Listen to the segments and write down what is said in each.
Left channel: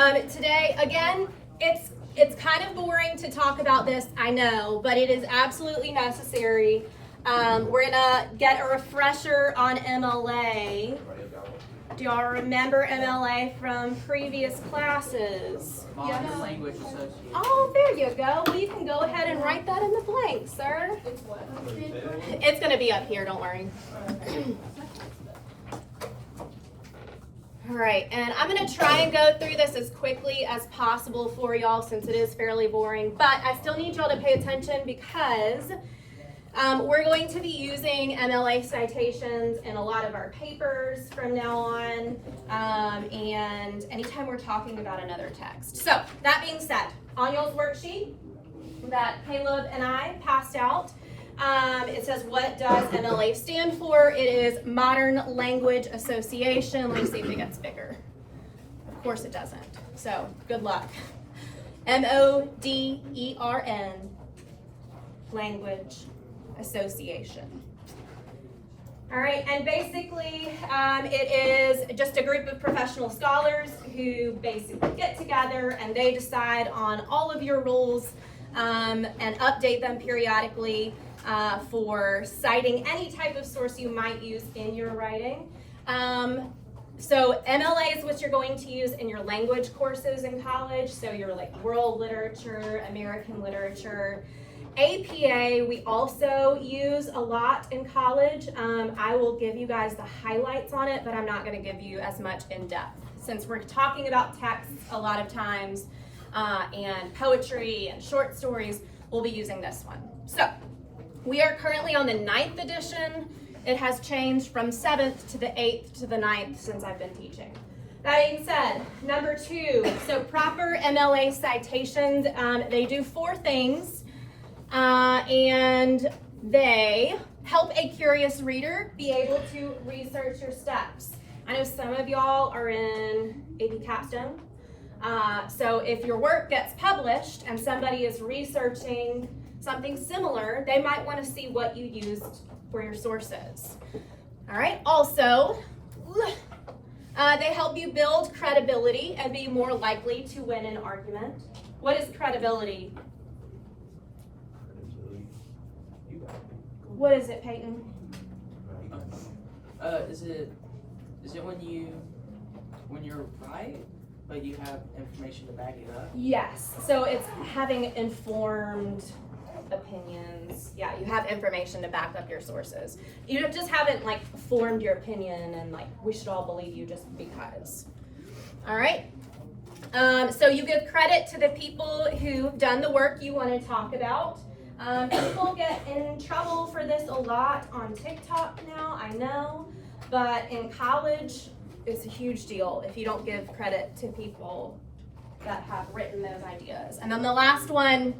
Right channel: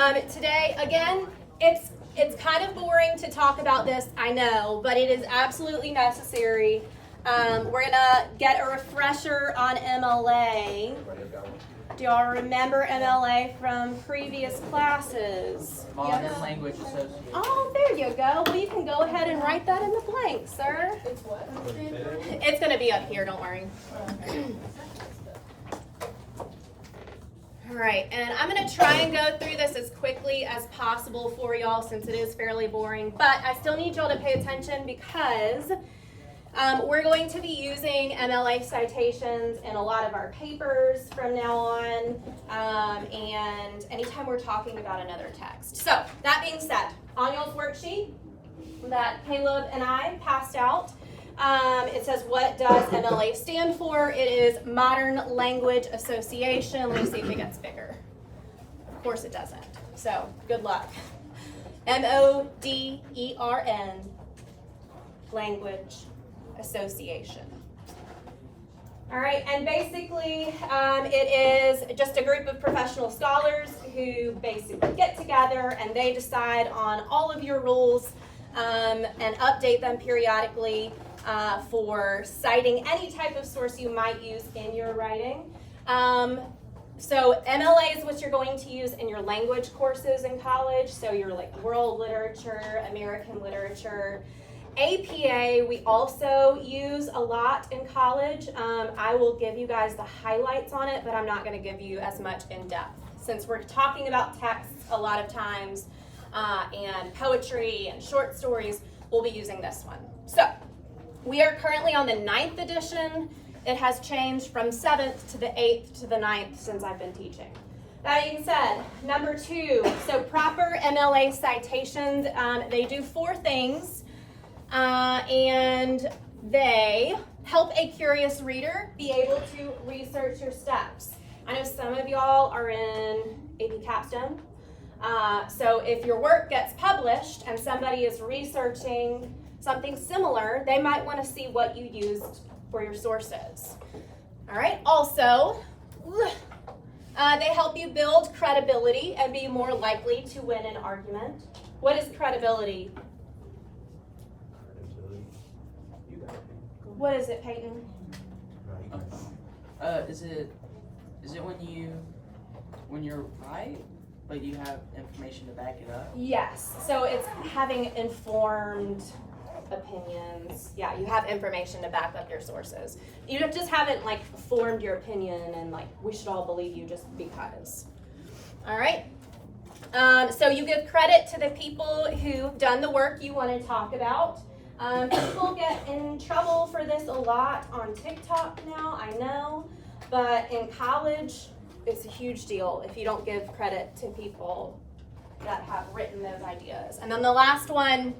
Today, again, it's kind of boring to talk about this, I know, but it is absolutely necessary. We're gonna get a refresher on MLA. Do y'all remember MLA from previous classes? McMillen Language Association. Oh, there you go. Well, you can go ahead and write that in the blank, sir. It's gonna be up here, don't worry. All right, and I'm gonna try and go through this as quickly as possible for y'all since it is fairly boring, but I still need y'all to pay attention because we're going to be using MLA citations in a lot of our papers from now on, and anytime we're talking about another text. So that being said, on y'all's worksheet that Caleb and I passed out, it says, what does MLA stand for? It is Modern Language Association. Let me see if it gets bigger. Of course it doesn't. So good luck. MODERN, Language Association. All right, and basically it is just a group of professional scholars who basically get together and they decide on all of your rules and update them periodically for citing any type of source you might use in your writing. So MLA is what you're going to use in your language courses in college. So your like world literature, American literature. APA we also use a lot in college. I will give you guys the highlights on it, but I'm not going to give you as much in depth. Since we're talking about texts a lot of times and poetry and short stories, we'll be using this one. So we are currently on the 9th edition. It has changed from 7th to the 8th to the 9th since I've been teaching. That being said, number 2, so proper MLA citations, they do 4 things, and they help a curious reader be able to research your steps. I know some of y'all are in AP Capstone, so if your work gets published and somebody is researching something similar, they might want to see what you used for your sources. All right, also, they help you build credibility and be more likely to win an argument. What is credibility? What is it, Peyton? Is it when you're right, but you have information to back it up? Yes, so it's having informed opinions. Yeah, you have information to back up your sources. You just haven't like formed your opinion and like we should all believe you just because. All right. So you give credit to the people who've done the work you want to talk about. People get in trouble for this a lot on TikTok now, I know, but in college it's a huge deal if you don't give credit to people that have written those ideas. And then the last one,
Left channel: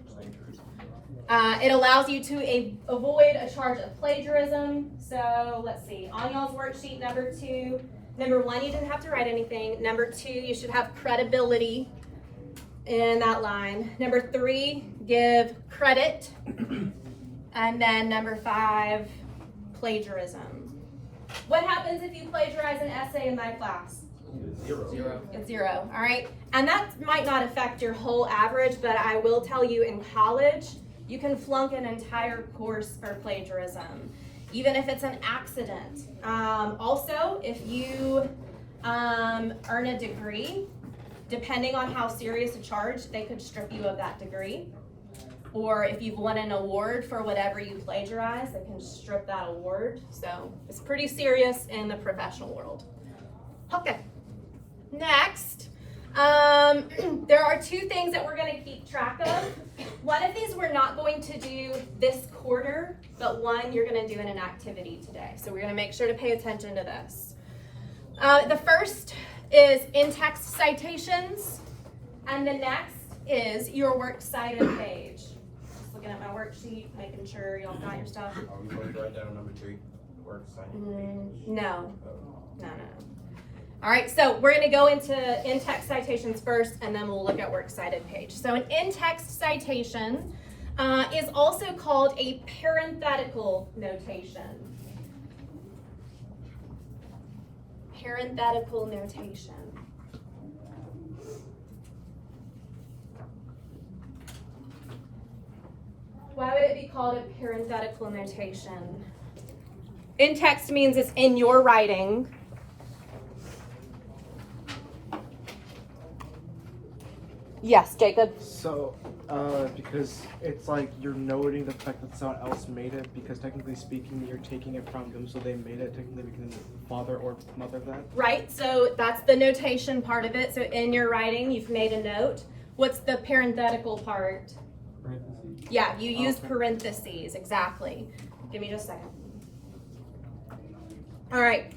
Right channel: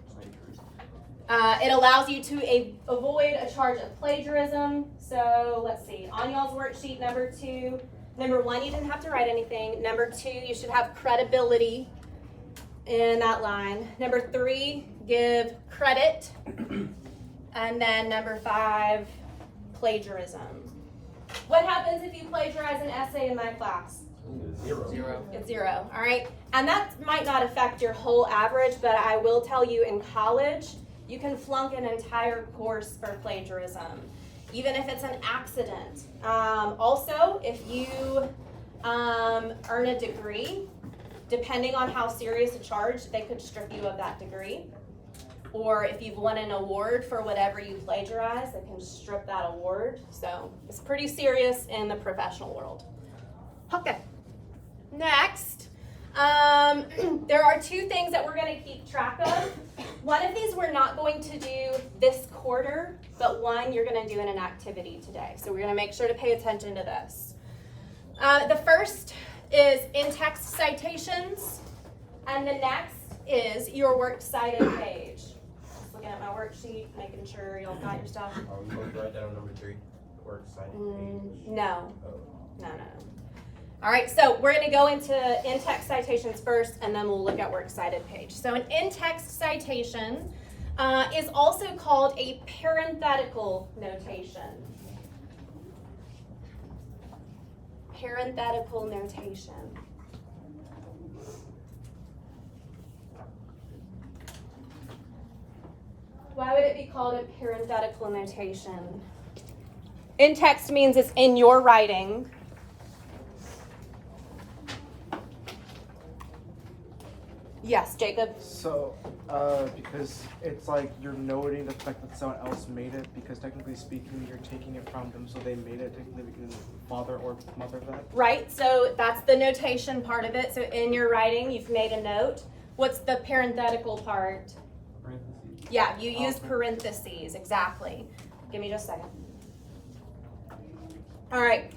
it allows you to avoid a charge of plagiarism. So let's see, on y'all's worksheet, number 2, number 1, you didn't have to write anything. Number 2, you should have credibility in that line. Number 3, give credit. And then number 5, plagiarism. What happens if you plagiarize an essay in my class? 0. It's 0, all right? And that might not affect your whole average, but I will tell you in college, you can flunk an entire course for plagiarism, even if it's an accident. Also, if you earn a degree, depending on how serious a charge, they could strip you of that degree. Or if you've won an award for whatever you plagiarize, they can strip that award. So it's pretty serious in the professional world. Okay, next. There are 2 things that we're going to keep track of. One of these we're not going to do this quarter, but one you're going to do in an activity today. So we're going to make sure to pay attention to this. The first is in-text citations, and the next is your works cited page. Just looking at my worksheet, making sure y'all got your stuff. Are we going to write down number 3? Works cited page? No. All right, so we're going to go into in-text citations first, and then we'll look at works cited page. So an in-text citation is also called a parenthetical notation. Parenthetical notation. called a parenthetical notation. In text means it's in your writing. Yes, Jacob. So, because it's like you're noting the fact that someone else made it, because technically speaking, you're taking it from them, so they made it. Technically, we can father or mother that. Right, so that's the notation part of it. So in your writing, you've made a note. What's the parenthetical part? Parentheses. Yeah, you use Okay. parentheses, exactly. Give me just a second. All right,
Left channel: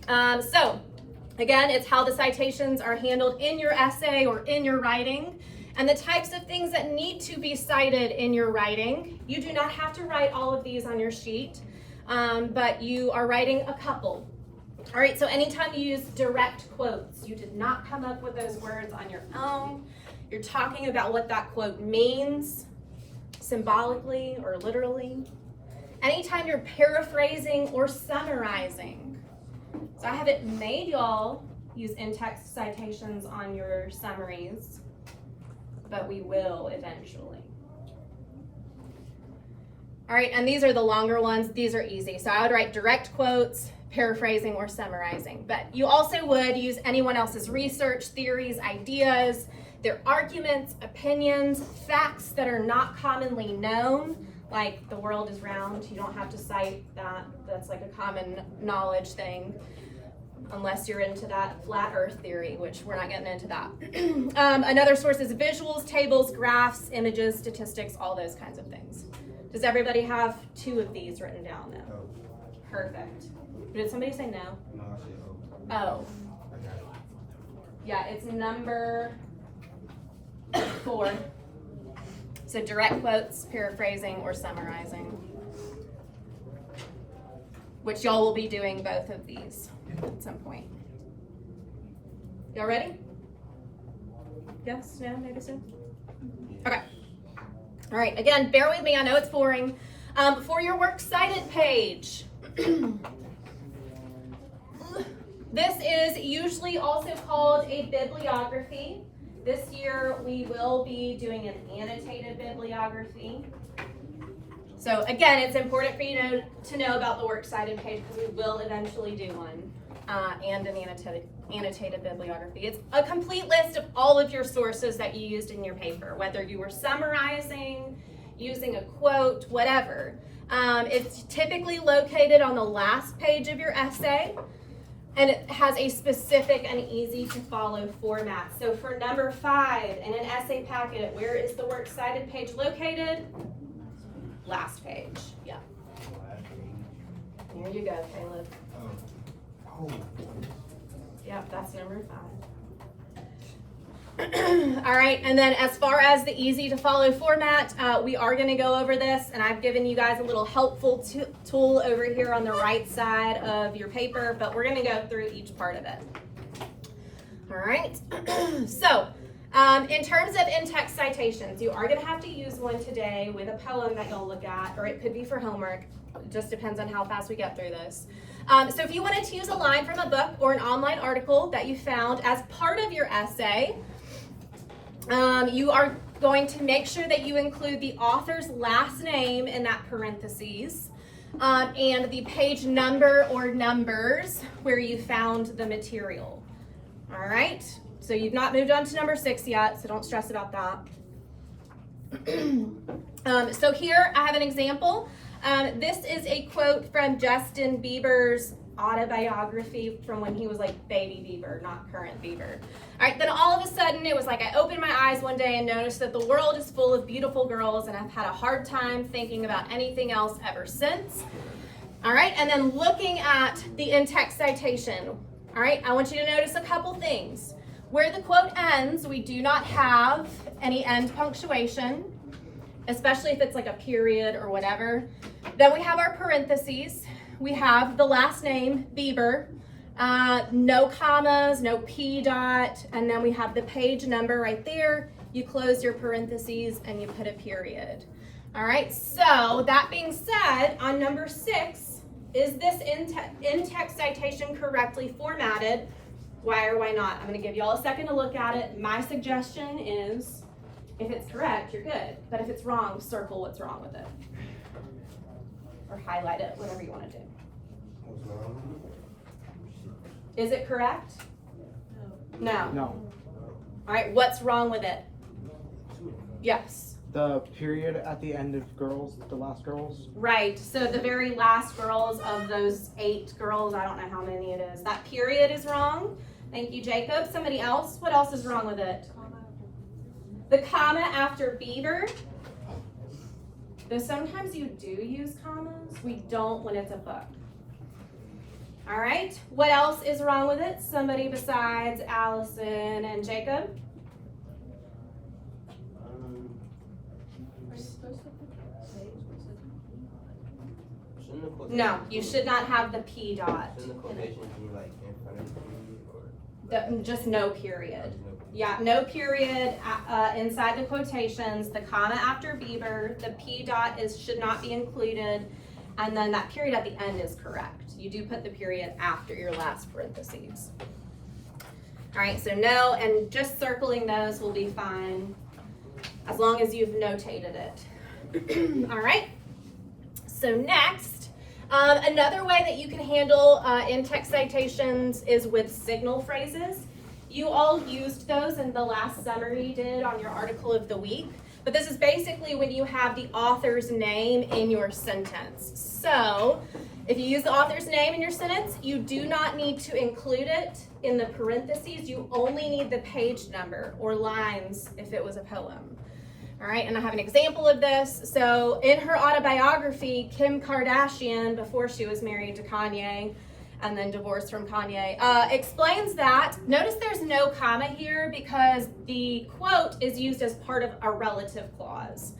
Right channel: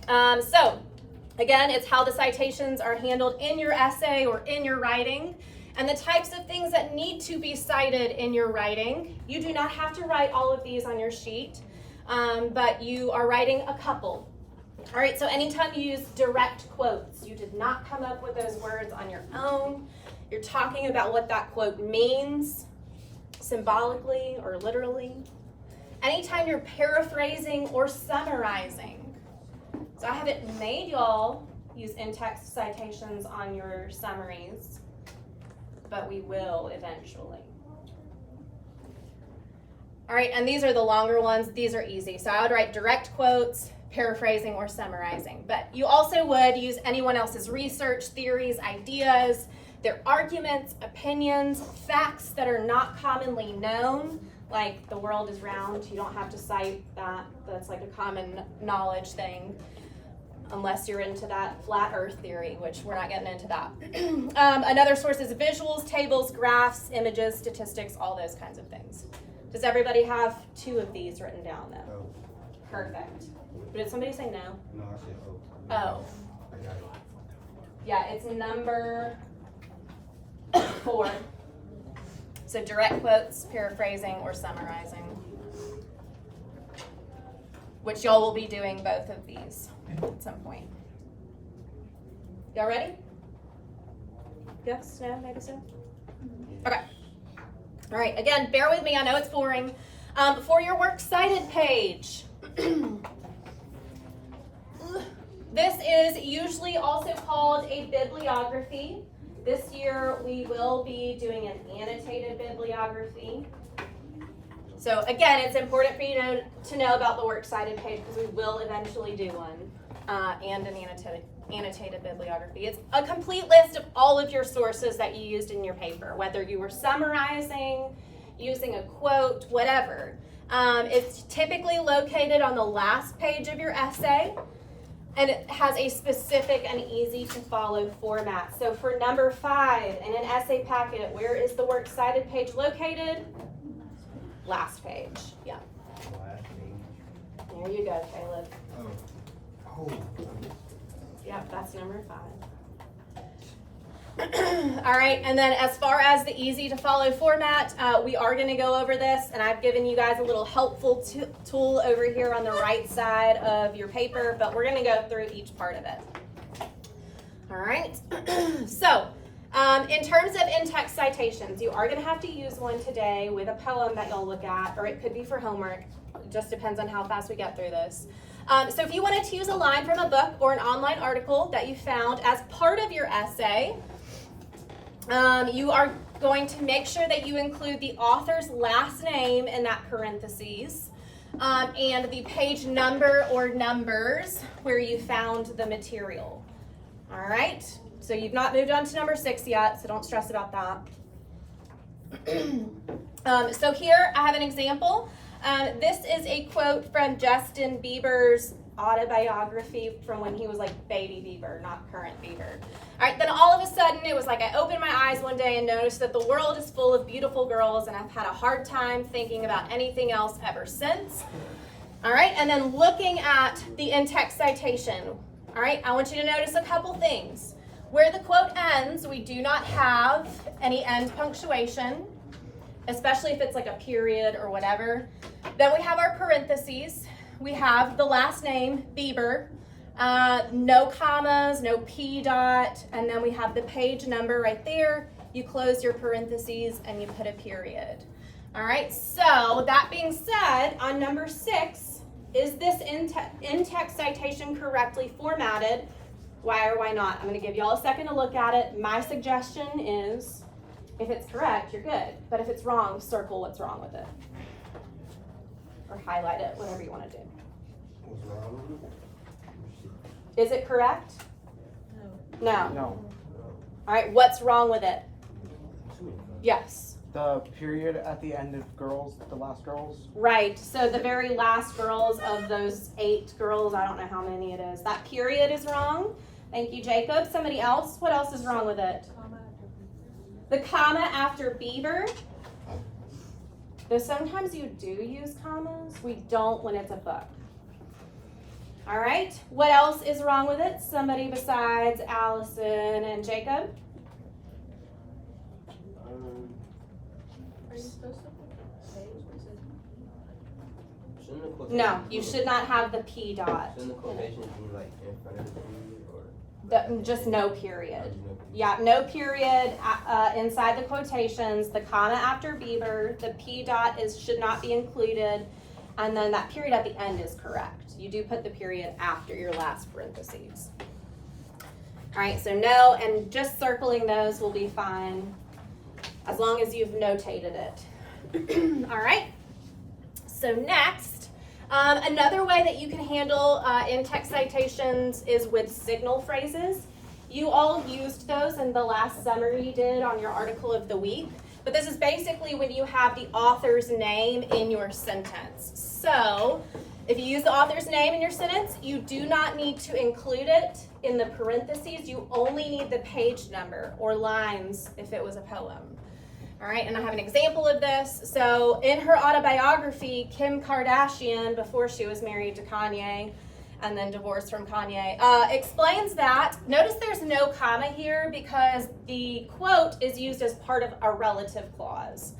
so again, it's how the citations are handled in your essay or in your writing, and the types of things that need to be cited in your writing. You do not have to write all of these on your sheet, but you are writing a couple. All right, so anytime you use direct quotes, you did not come up with those words on your own. You're talking about what that quote means, symbolically or literally. Anytime you're paraphrasing or summarizing. So I haven't made y'all use in-text citations on your summaries, but we will eventually. All right, and these are the longer ones. These are easy. So I would write direct quotes, paraphrasing, or summarizing. But you also would use anyone else's research, theories, ideas, their arguments, opinions, facts that are not commonly known, like the world is round. You don't have to cite that. That's like a common knowledge thing, unless you're into that flat earth theory, which we're not getting into that. Another source is visuals, tables, graphs, images, statistics, all those kinds of things. Does everybody have 2 of these written down though? No. Perfect. Did somebody say no? No, I said oh. Oh. Yeah, it's number 4. So direct quotes, paraphrasing, or summarizing. Which y'all will be doing both of these at some point. Y'all ready? Yes? No? Maybe so? Okay. All right, again, bear with me. I know it's boring. For your works cited page. This is usually also called a bibliography. This year we will be doing an annotated bibliography. So again, it's important for you to know about the works cited page because we will eventually do one and an annotated bibliography. It's a complete list of all of your sources that you used in your paper, whether you were summarizing, using a quote, whatever. It's typically located on the last page of your essay. And it has a specific and easy to follow format. So for number 5 in an essay packet, where is the works cited page located? Last page. Yeah. There you go, Caleb. Oh. Yeah, that's number 5. All right, and then as far as the easy to follow format, we are going to go over this, and I've given you guys a little helpful tool over here on the right side of your paper, but we're going to go through each part of it. All right, so in terms of in-text citations, you are going to have to use one today with a poem that you'll look at, or it could be for homework. It just depends on how fast we get through this. So if you wanted to use a line from a book or an online article that you found as part of your essay, you are going to make sure that you include the author's last name in that parentheses and the page number or numbers where you found the material. All right, so you've not moved on to number 6 yet, so don't stress about that. So here I have an example. This is a quote from Justin Bieber's autobiography from when he was like baby Bieber, not current Bieber. All right, then all of a sudden it was like I opened my eyes one day and noticed that the world is full of beautiful girls and I've had a hard time thinking about anything else ever since. All right, and then looking at the in-text citation. All right, I want you to notice a couple things. Where the quote ends, we do not have any end punctuation, especially if it's like a period or whatever. Then we have our parentheses. We have the last name, Bieber, no commas, no P dot, and then we have the page number right there. You close your parentheses and you put a period. All right, so that being said, on number 6, is this in-text citation correctly formatted? Why or why not? I'm gonna give y'all a second to look at it. My suggestion is, if it's correct, you're good. But if it's wrong, circle what's wrong with it. or highlight it, whatever you want to do. What's wrong with it? Is it correct? No. No. All right, what's wrong with it? Yes. The period at the end of girls, the last girls. Right, so the very last girls of those 8 girls, I don't know how many it is. That period is wrong. Thank you, Jacob. Somebody else? What else is wrong with it? The comma after beaver. Though sometimes you do use commas, we don't when it's a book. All right, what else is wrong with it? Somebody besides Allison and Jacob? No, you should not have the P dot. Shouldn't the quotations be like in front of the period or? Just no period. Yeah, no period inside the quotations, the comma after beaver, the P dot should not be included, and then that period at the end is correct. You do put the period after your last parentheses. All right, so no, and just circling those will be fine as long as you've notated it. All right, so next, another way that you can handle in-text citations is with signal phrases. You all used those in the last summary you did on your article of the week, but this is basically when you have the author's name in your sentence. So if you use the author's name in your sentence, you do not need to include it in the parentheses. You only need the page number or lines if it was a poem. All right, and I have an example of this. So in her autobiography, Kim Kardashian, before she was married to Kanye and then divorced from Kanye, explains that. Notice there's no comma here because the quote is used as part of a relative clause.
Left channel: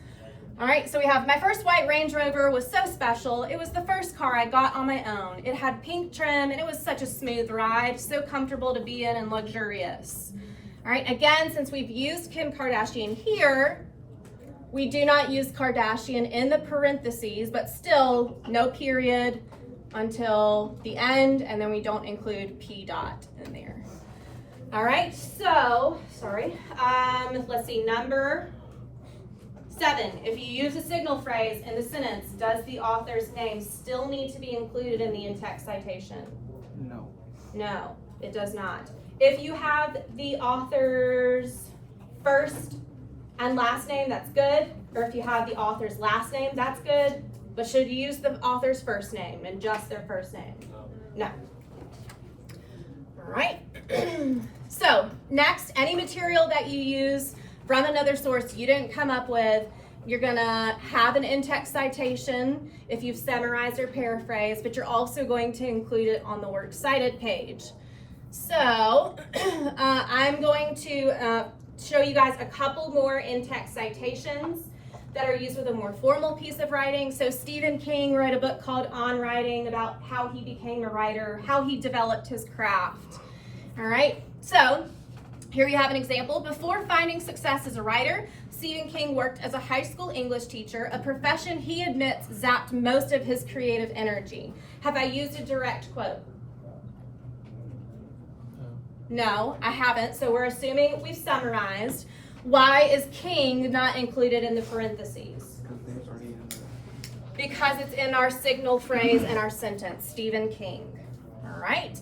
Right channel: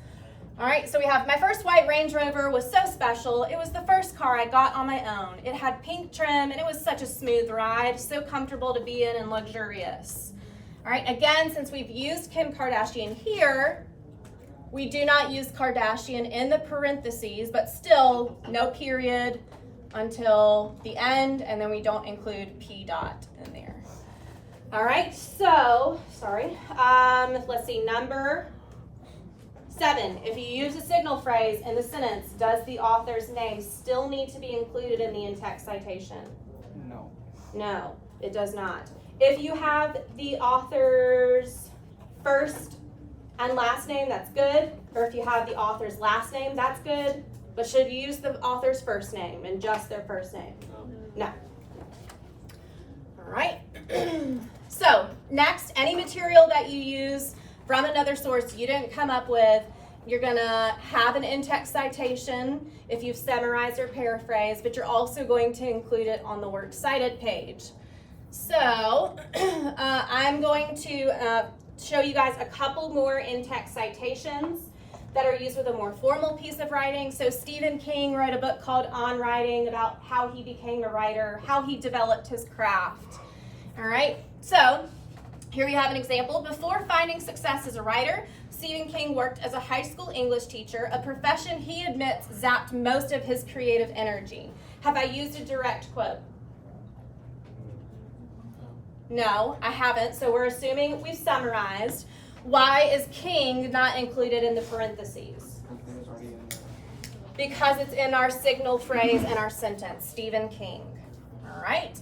All right, so we have, my first white Range Rover was so special. It was the first car I got on my own. It had pink trim and it was such a smooth ride, so comfortable to be in and luxurious. All right, again, since we've used Kim Kardashian here, we do not use Kardashian in the parentheses, but still no period until the end, and then we don't include P dot in there. All right, so, let's see, number 7, if you use a signal phrase in the sentence, does the author's name still need to be included in the in-text citation? No. No, it does not. If you have the author's first and last name, that's good. Or if you have the author's last name, that's good. But should you use the author's first name and just their first name? No. All right. So next, any material that you use from another source you didn't come up with, you're gonna have an in-text citation if you've summarized or paraphrased, but you're also going to include it on the works cited page. So I'm going to show you guys a couple more in-text citations that are used with a more formal piece of writing. So Stephen King wrote a book called On Writing about how he became a writer, how he developed his craft. All right, so here we have an example. Before finding success as a writer, Stephen King worked as a high school English teacher, a profession he admits zapped most of his creative energy. Have I used a direct quote? No, I haven't, so we're assuming we've summarized. Why is King not included in the parentheses? Because it's in our signal phrase and our sentence, Stephen King. All right.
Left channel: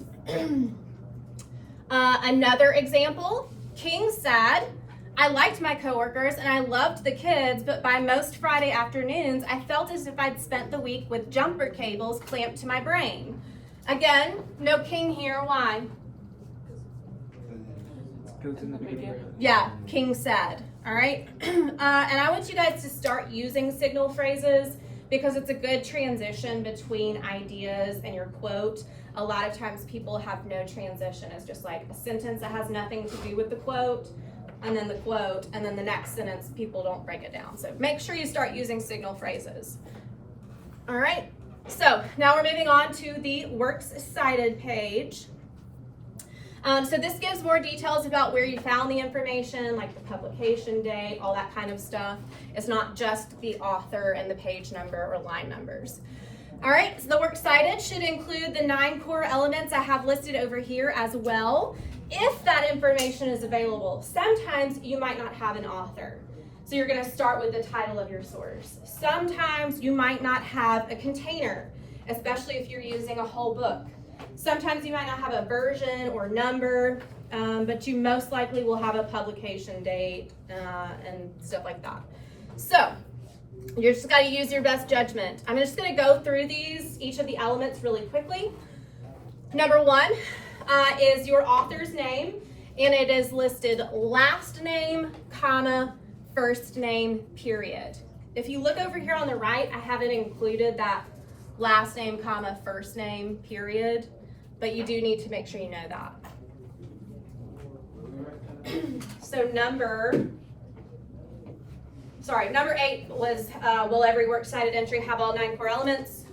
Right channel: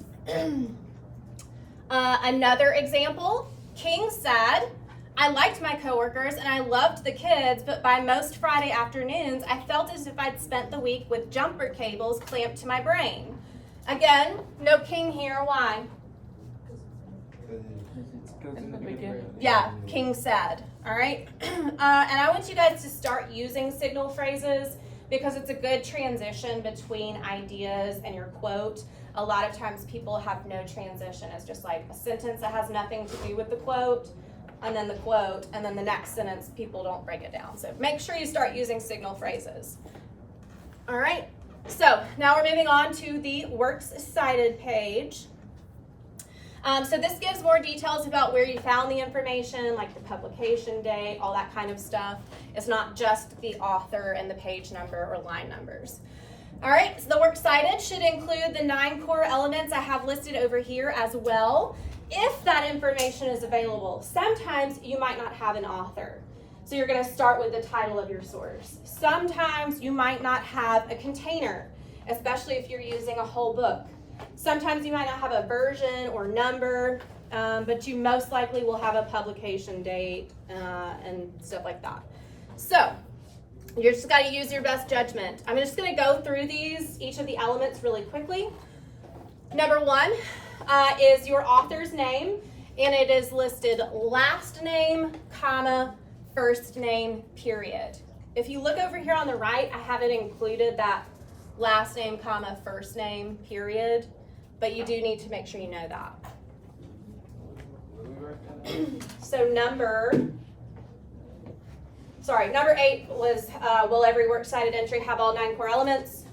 Another example, King said, I liked my coworkers and I loved the kids, but by most Friday afternoons, I felt as if I'd spent the week with jumper cables clamped to my brain. Again, no King here, why? Yeah, King said, all right? And I want you guys to start using signal phrases because it's a good transition between ideas and your quote. A lot of times people have no transition. It's just like a sentence that has nothing to do with the quote, and then the quote, and then the next sentence, people don't break it down. So make sure you start using signal phrases. All right, so now we're moving on to the works cited page. So this gives more details about where you found the information, like the publication date, all that kind of stuff. It's not just the author and the page number or line numbers. All right, so the works cited should include the 9 core elements I have listed over here as well, if that information is available. Sometimes you might not have an author. So you're going to start with the title of your source. Sometimes you might not have a container, especially if you're using a whole book. Sometimes you might not have a version or number, but you most likely will have a publication date and stuff like that. So you're just got to use your best judgment. I'm just going to go through each of the elements really quickly. Number one is your author's name, and it is listed last name, comma, first name, period. If you look over here on the right, I haven't included that last name, comma, first name, period, but you do need to make sure you know that. So number 8 was, will every works cited entry have all 9 core elements?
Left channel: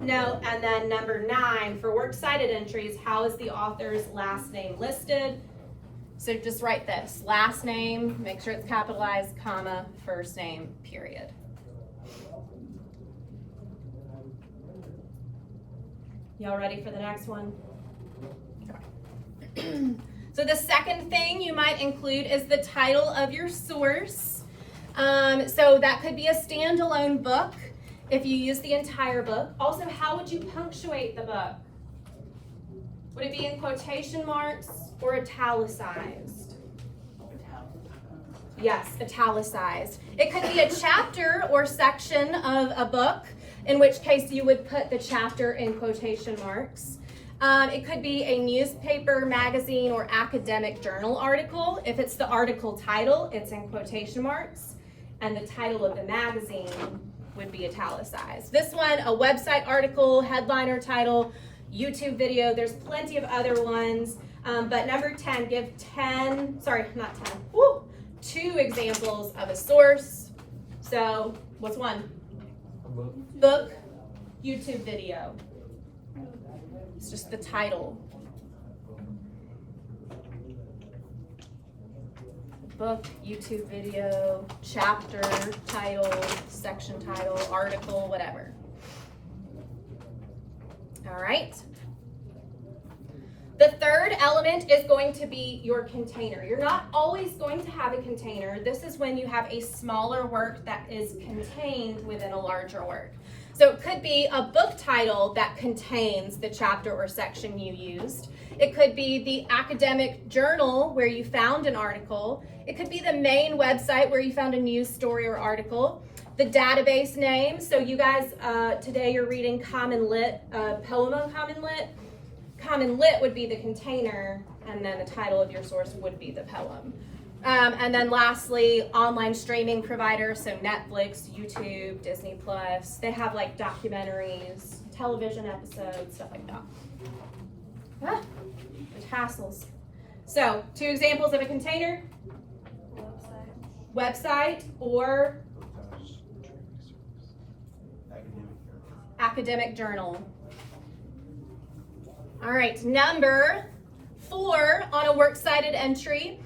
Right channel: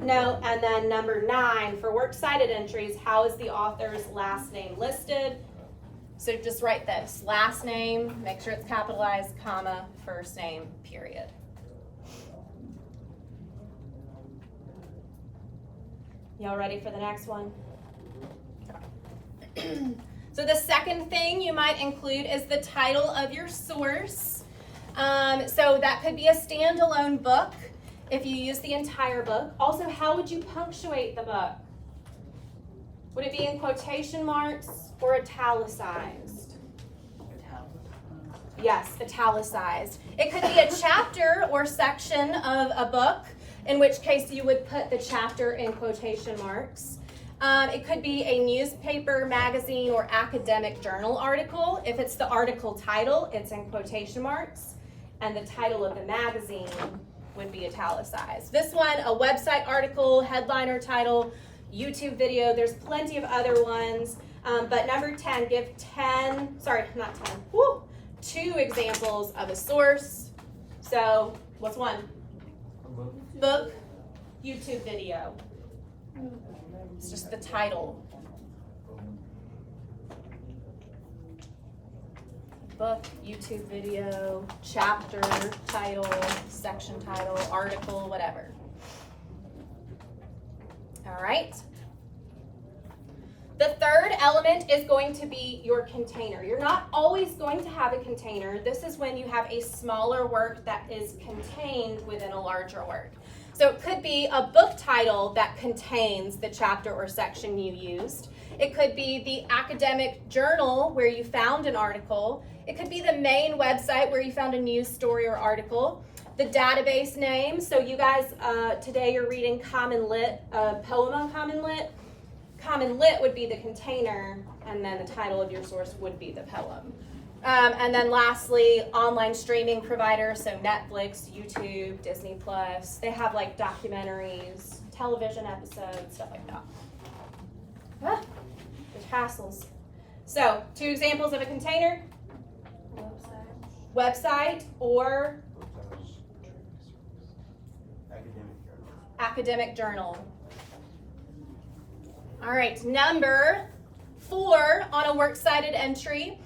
No. And then number 9, for works cited entries, how is the author's last name listed? So just write this, last name, make sure it's capitalized, comma, first name, period. Y'all ready for the next one? So the second thing you might include is the title of your source. So that could be a standalone book if you use the entire book. Also, how would you punctuate the book? Would it be in quotation marks or italicized? Yes, italicized. It could be a chapter or section of a book, in which case you would put the chapter in quotation marks. It could be a newspaper, magazine, or academic journal article. If it's the article title, it's in quotation marks, and the title of the magazine would be italicized. This one, a website article, headline or title, YouTube video, there's plenty of other ones, but number 10, give 2 examples of a source. So, what's one? Book, YouTube video. It's just the title. Book, YouTube video, chapter, title, section title, article, whatever. All right. The third element is going to be your container. You're not always going to have a container. This is when you have a smaller work that is contained within a larger work. So it could be a book title that contains the chapter or section you used. It could be the academic journal where you found an article. It could be the main website where you found a news story or article. The database name. So you guys, today you're reading Common Lit, a poem on Common Lit. Common Lit would be the container, and then the title of your source would be the poem. And then lastly, online streaming provider, so Netflix, YouTube, Disney Plus. They have like documentaries, television episodes, stuff like that. There's hassles. So 2 examples of a container. Website or academic journal. All right, number 4 on a works cited entry.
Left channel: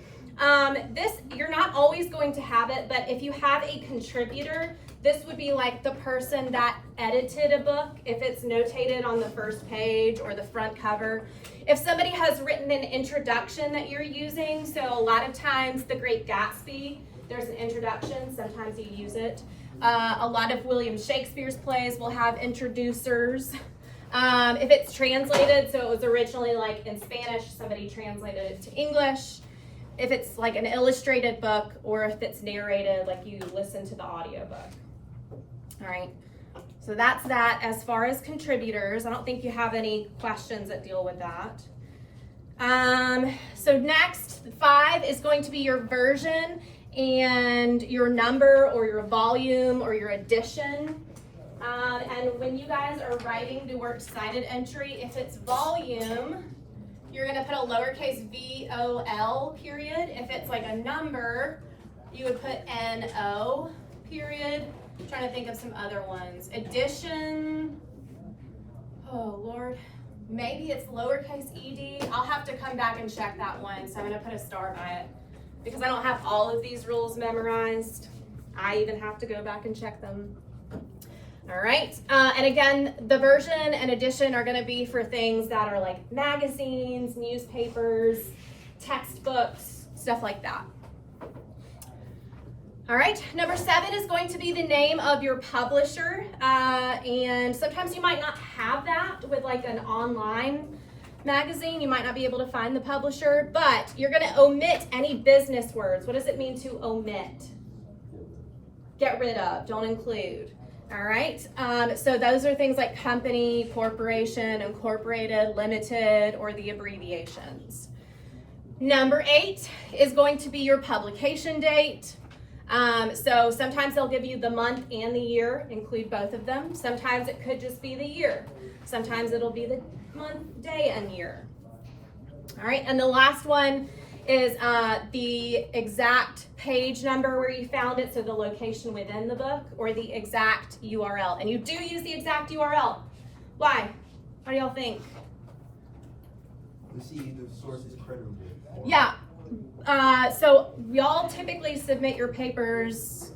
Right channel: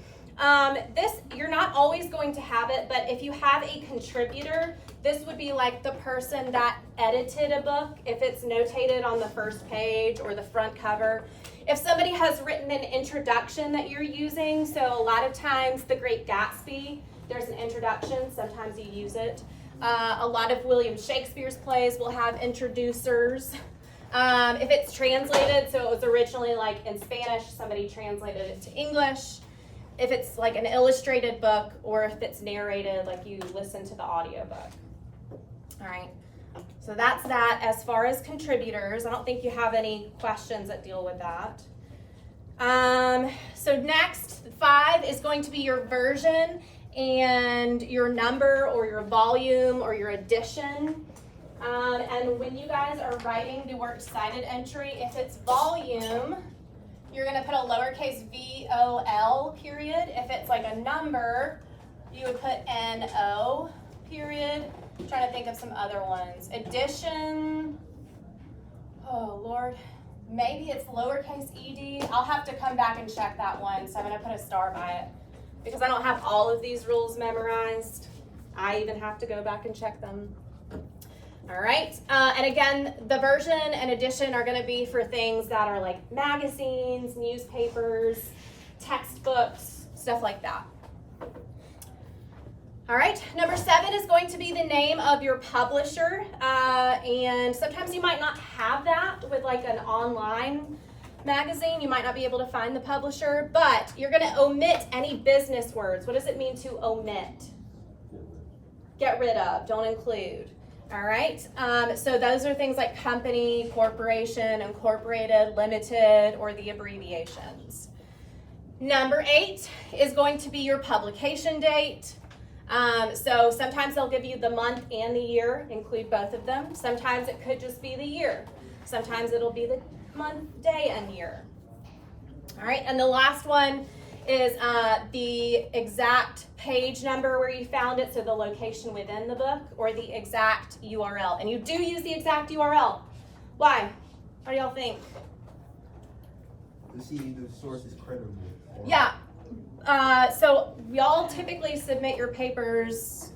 This, you're not always going to have it, but if you have a contributor, this would be like the person that edited a book, if it's notated on the first page or the front cover. If somebody has written an introduction that you're using, so a lot of times The Great Gatsby, there's an introduction, sometimes you use it. A lot of William Shakespeare's plays will have introducers. If it's translated, so it was originally like in Spanish, somebody translated it to English. If it's like an illustrated book, or if it's narrated, like you listen to the audiobook. All right, so that's that as far as contributors. I don't think you have any questions that deal with that. So next, 5 is going to be your version and your number or your volume or your edition. And when you guys are writing the works cited entry, if it's volume, you're going to put a lowercase VOL period. If it's like a number, you would put NO period. I'm trying to think of some other ones. Edition, oh Lord, maybe it's lowercase ED. I'll have to come back and check that one, so I'm going to put a star by it because I don't have all of these rules memorized. I even have to go back and check them. All right, and again, the version and edition are going to be for things that are like magazines, newspapers, textbooks, stuff like that. All right, number 7 is going to be the name of your publisher. And sometimes you might not have that with like an online magazine. You might not be able to find the publisher, but you're going to omit any business words. What does it mean to omit? Get rid of, don't include. All right, so those are things like company, corporation, incorporated, limited, or the abbreviations. Number 8 is going to be your publication date. So sometimes they'll give you the month and the year, include both of them. Sometimes it could just be the year. Sometimes it'll be the month, day, and year. All right, and the last one is the exact page number where you found it, so the location within the book, or the exact URL. And you do use the exact URL. Why? What do y'all think? To see the source is credible. Yeah. So y'all typically submit your papers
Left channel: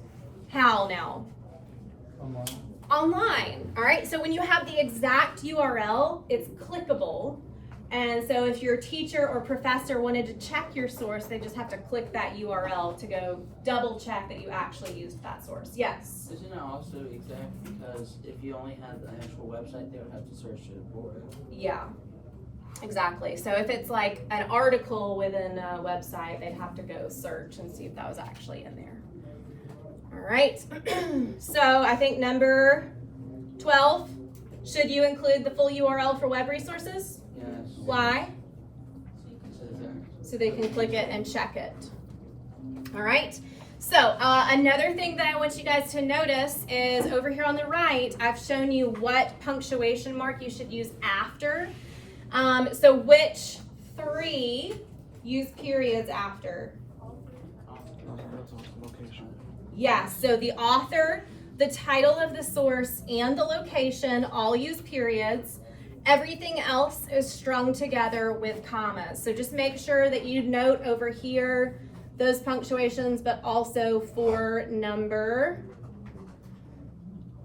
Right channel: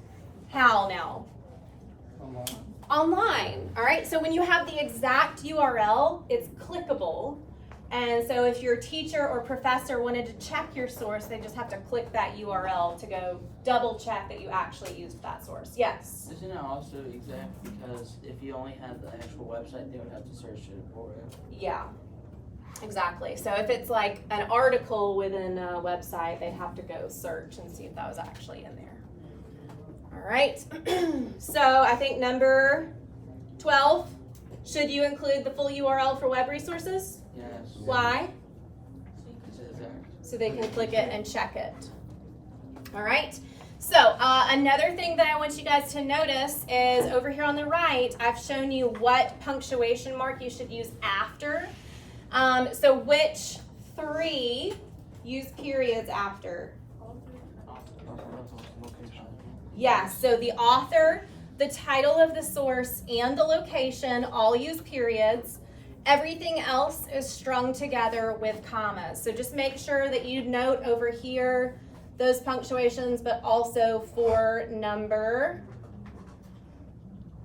how now? Online. All right. So when you have the exact URL, it's clickable. And so if your teacher or professor wanted to check your source, they just have to click that URL to go double check that you actually used that source. Yes? Isn't it also exact because if you only have the actual website, they would have to search it for it? Yeah, exactly. So if it's like an article within a website, they'd have to go search and see if that was actually in there. All right. So I think number 12, should you include the full URL for web resources? Yes. Why? It's exact. So they can click it and check it. All right. So another thing that I want you guys to notice is over here on the right, I've shown you what punctuation mark you should use after. So which 3 use periods after? Location. Yeah, so the author, the title of the source, and the location all use periods. Everything else is strung together with commas. So just make sure that you note over here those punctuations, but also for number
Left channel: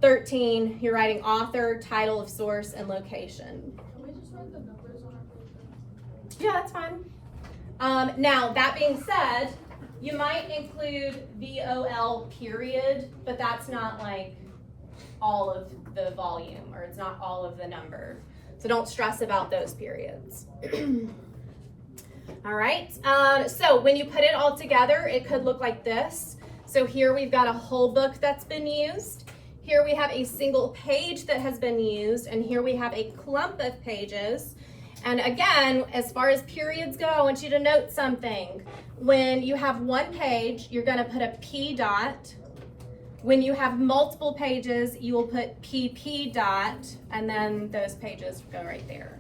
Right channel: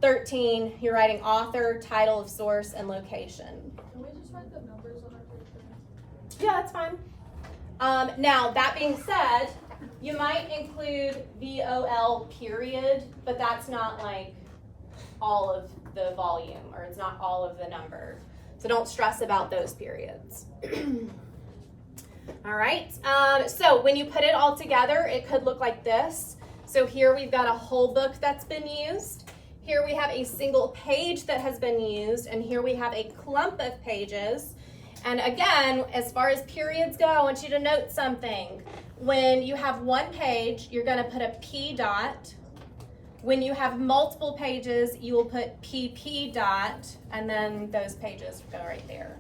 13, you're writing author, title of source, and location. Can we just write the numbers on our paper? Yeah, that's fine. Now, that being said, you might include VOL period, but that's not like all of the volume, or it's not all of the number. So don't stress about those periods. All right, so when you put it all together, it could look like this. So here we've got a whole book that's been used. Here we have a single page that has been used, and here we have a clump of pages. And again, as far as periods go, I want you to note something. When you have one page, you're going to put a P dot. When you have multiple pages, you will put PP dot, and then those pages go right there.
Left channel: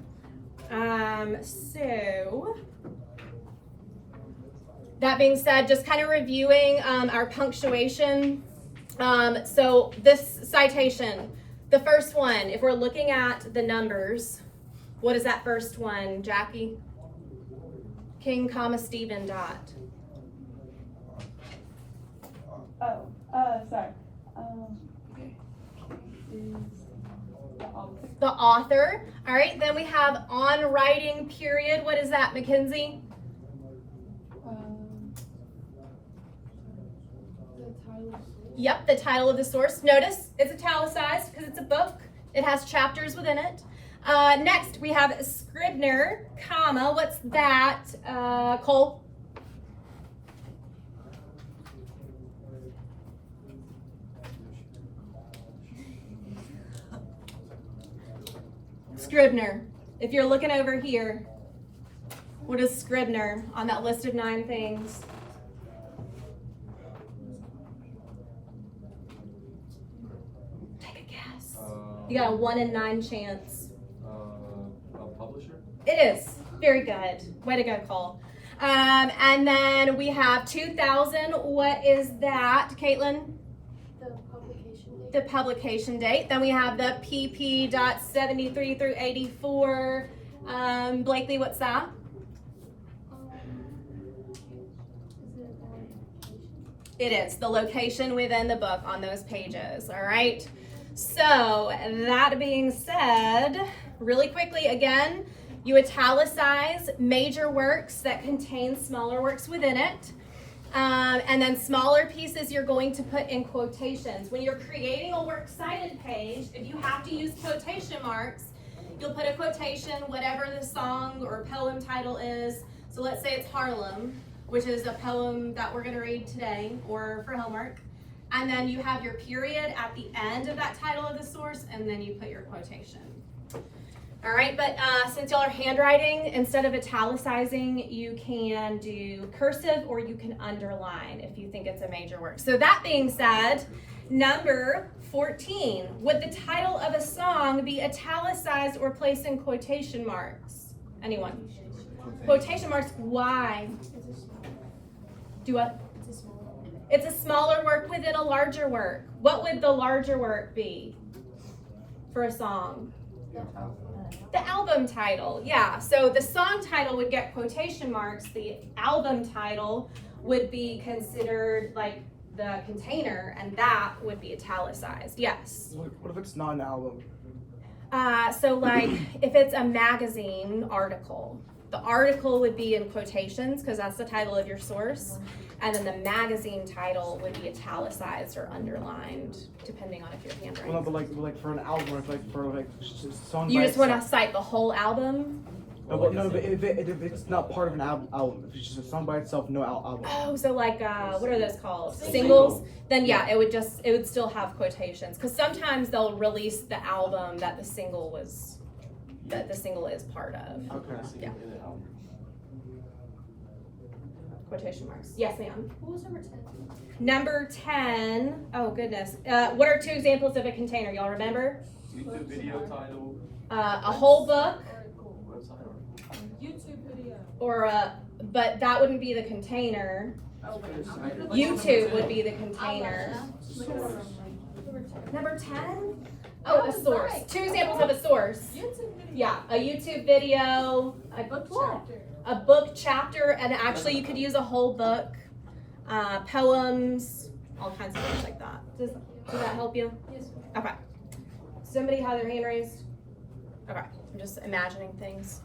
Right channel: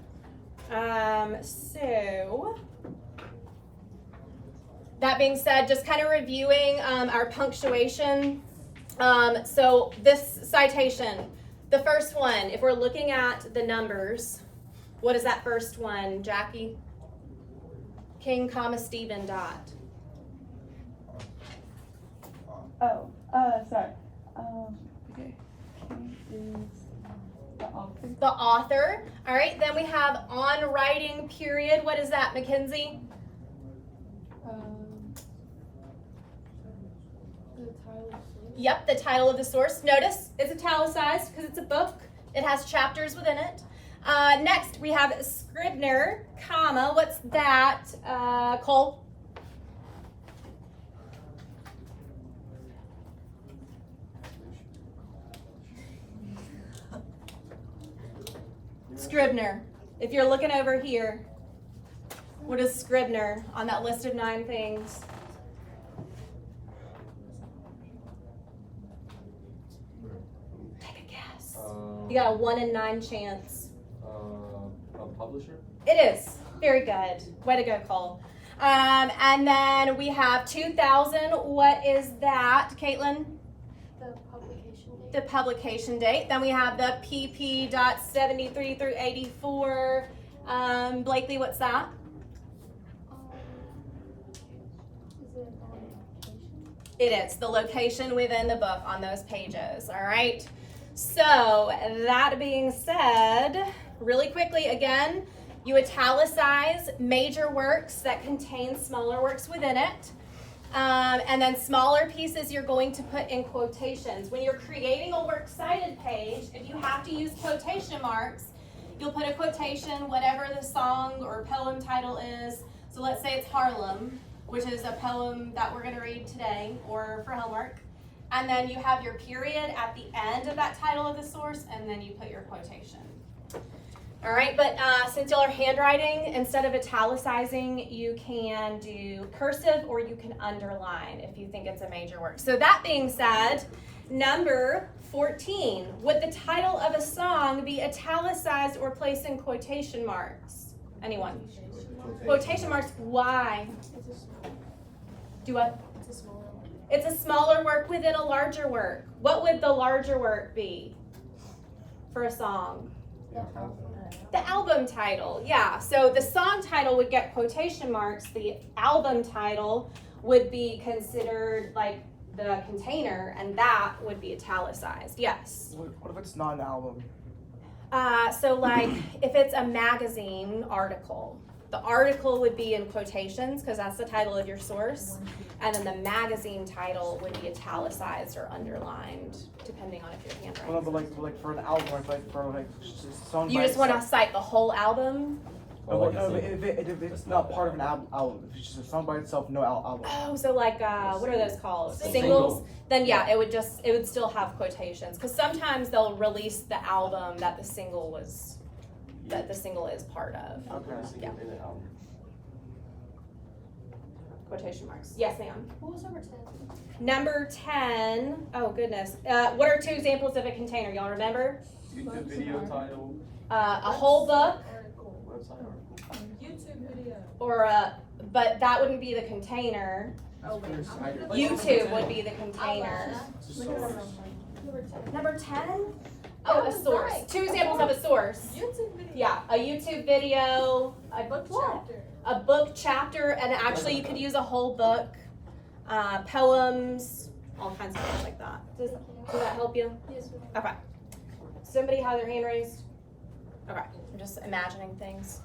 So that being said, just kind of reviewing our punctuation. So this citation, the first one, if we're looking at the numbers, what is that first one, Jackie? King, comma, Stephen, dot. Sorry. The author. All right, then we have on writing period. What is that, Mackenzie? The title. Yep, the title of the source. Notice it's italicized because it's a book. It has chapters within it. Next, we have Scribner, comma. What's that, Cole? Scribner. If you're looking over here, what is Scribner on that list of 9 things? Take a guess. You got a 1 in 9 chance. A publisher? It is. Very good. Way to go, Cole. And then we have 2000. What is that, Caitlin? The publication date. The publication date. Then we have the PP.73 through 84. Blakely, what's that? Is it on application? It is the location within the book on those pages. All right. So that being said, really quickly again, you italicize major works that contain smaller works within it. And then smaller pieces you're going to put in quotations. When you're creating a works cited page, if you have to use quotation marks, you'll put a quotation, whatever the song or poem title is. So let's say it's Harlem, which is a poem that we're gonna read today, or for homework. And then you have your period at the end of that title of the source, and then you put your quotation. All right, but since y'all are handwriting, instead of italicizing, you can do cursive or you can underline if you think it's a major work. So that being said, number 14, would the title of a song be italicized or placed in quotation marks? Anyone? Quotation marks, why? Do what? It's a smaller work within a larger work. What would the larger work be for a song? The album title, yeah. So the song title would get quotation marks. The album title would be considered like the container, and that would be italicized. Yes. What if it's not an album? So like if it's a magazine article, the article would be in quotations because that's the title of your source, and then the magazine title would be italicized or underlined depending on if you're handwriting. Well, no, but like for an album, like for like song. You by just want to itself. cite the whole album? No, but if it's not part of an album, if it's just a song by itself, no album. Oh, so like what are those called? Single. Singles? Then yeah, it would still have quotations because sometimes they'll release the album that the single is part of. Okay. Yeah. Quotation marks. Yes, ma'am. What was number 10? Number 10. Oh goodness. What are two examples of a container? Y'all remember? YouTube video title, A whole book, website, or YouTube video. or but that wouldn't be the container. YouTube would be the container. Number 10? Oh, a source. Two examples of a source. YouTube video. Yeah, a YouTube video, Book chapter. a book chapter, and actually you could use a whole book, poems, all kinds of things like that. Does that help you? Yes. Okay. Somebody have their hand raised? Okay, I'm just imagining things.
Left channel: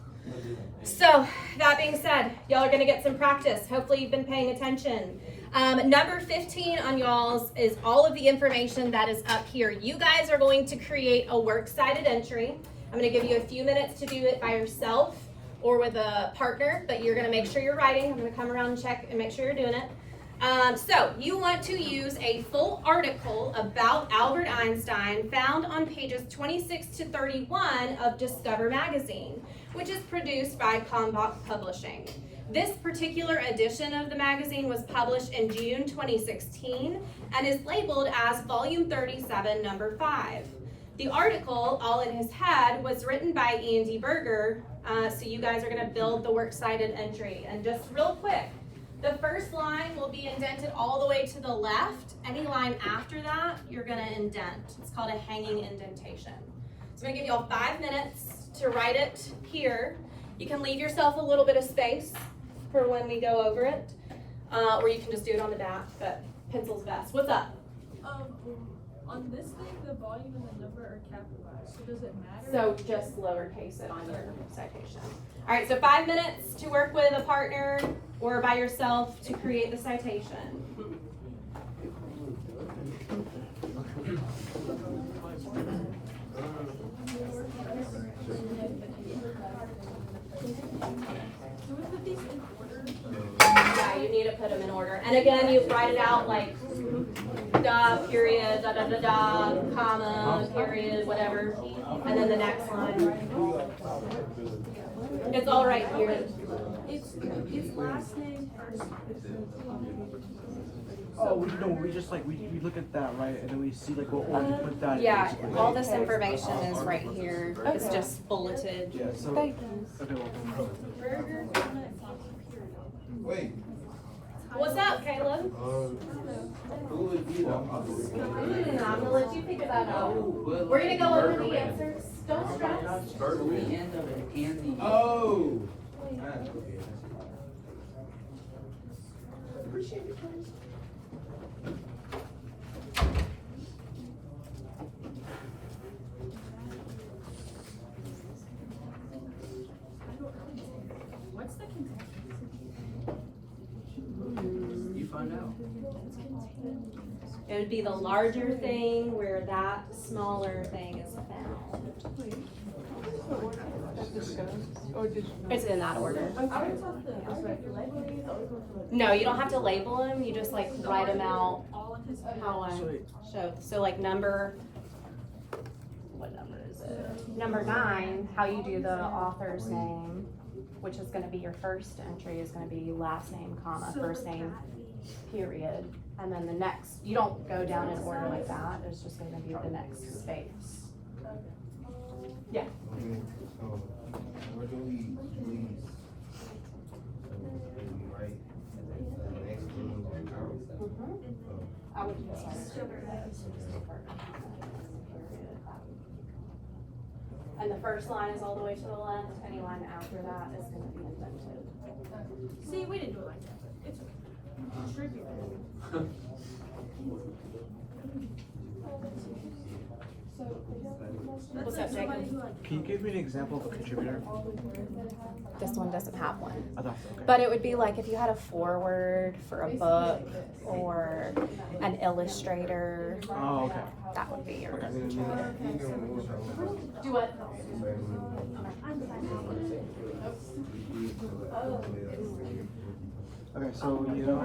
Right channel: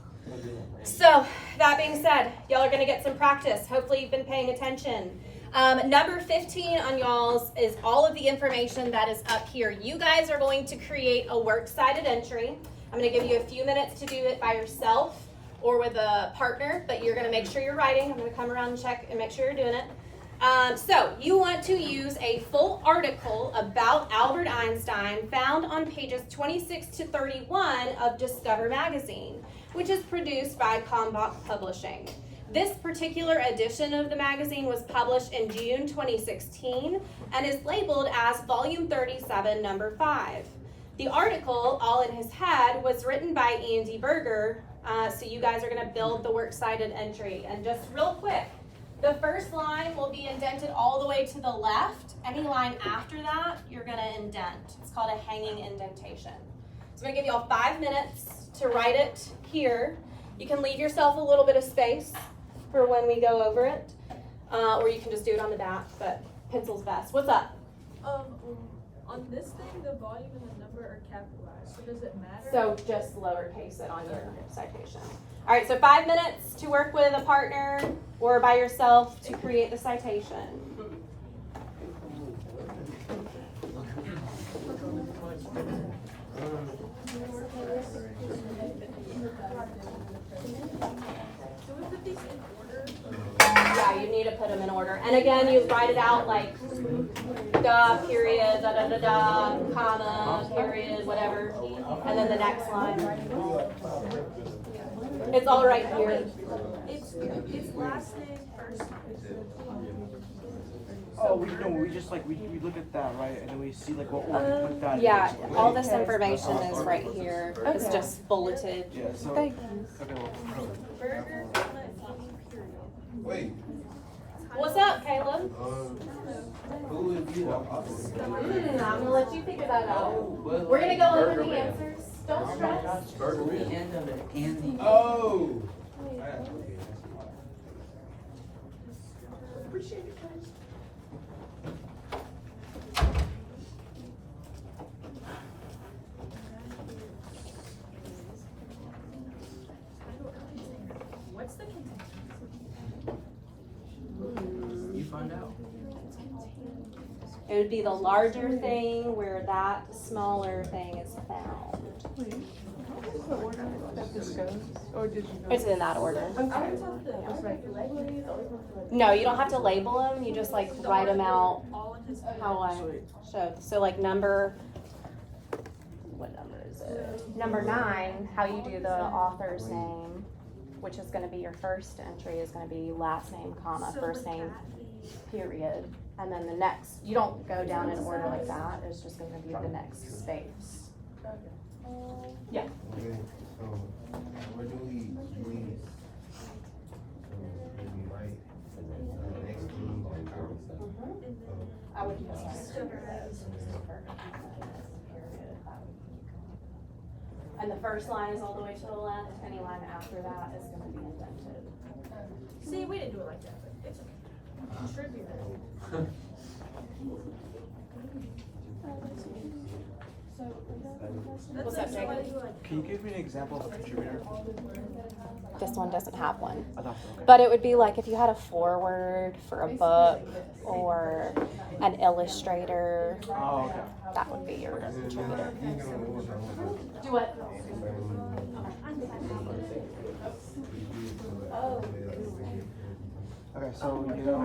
So, that being said, y'all are gonna get some practice. Hopefully you've been paying attention. Number 15 on y'all's is all of the information that is up here. You guys are going to create a works cited entry. I'm gonna give you a few minutes to do it by yourself or with a partner, but you're gonna make sure you're writing. I'm gonna come around and check and make sure you're doing it. So you want to use a full article about Albert Einstein found on pages 26 to 31 of Discover magazine, which is produced by Kalmbach Publishing. This particular edition of the magazine was published in June 2016 and is labeled as Volume 37, Number 5. The article, All in His Head, was written by Ian D. Berger, so you guys are going to build the works cited entry. And just real quick, the first line will be indented all the way to the left. Any line after that, you're going to indent. It's called a hanging indentation. So I'm going to give you all 5 minutes to write it here. You can leave yourself a little bit of space for when we go over it, or you can just do it on the back, but pencil's best. What's up? On this thing, the volume and the number are capitalized, so does it matter? So just lowercase it on your citation. All right, so 5 minutes to work with a partner or by yourself to create the citation. Yeah, you need to put them in order. And again, you write it out like da, period, da, da, da, da, comma, period, whatever. And then the next line. It's all right here. It's last name first. Oh, we just like we look at that, right, and then we see like what order to put that in. Yeah, basically. all this information is right here. It's just bulleted. Yeah, so Thank okay, well, Burger, comma, period. wait, What's up, Caleb? who is you? I'm gonna let you figure that out. We're gonna go over the answers. Don't stress. The end of it and the. Oh. What's the contention? You find It would be the larger thing where that smaller thing is found. It's in that order. No, you don't have to label them. You just like write them out how I showed. So like number, what number is it? Number 9, how you do the author's name, which is going to be your first entry, is going to be last name, comma, first name, period. And then the next, you don't go down in order like that. It's just going to be the next space. Yeah. Where do we use, right, the next thing I would. And the first line is all the way to the left. Any line after that is going to be indented. See, we didn't do it like that, but it's okay. Contribute. What's up, Jacob? Can you give me an example of a contributor? This one doesn't have one. I thought so, okay. But it would be like if you had a foreword for a book or an illustrator, Oh, okay. that would be your contributor. Do what? Okay, so you know,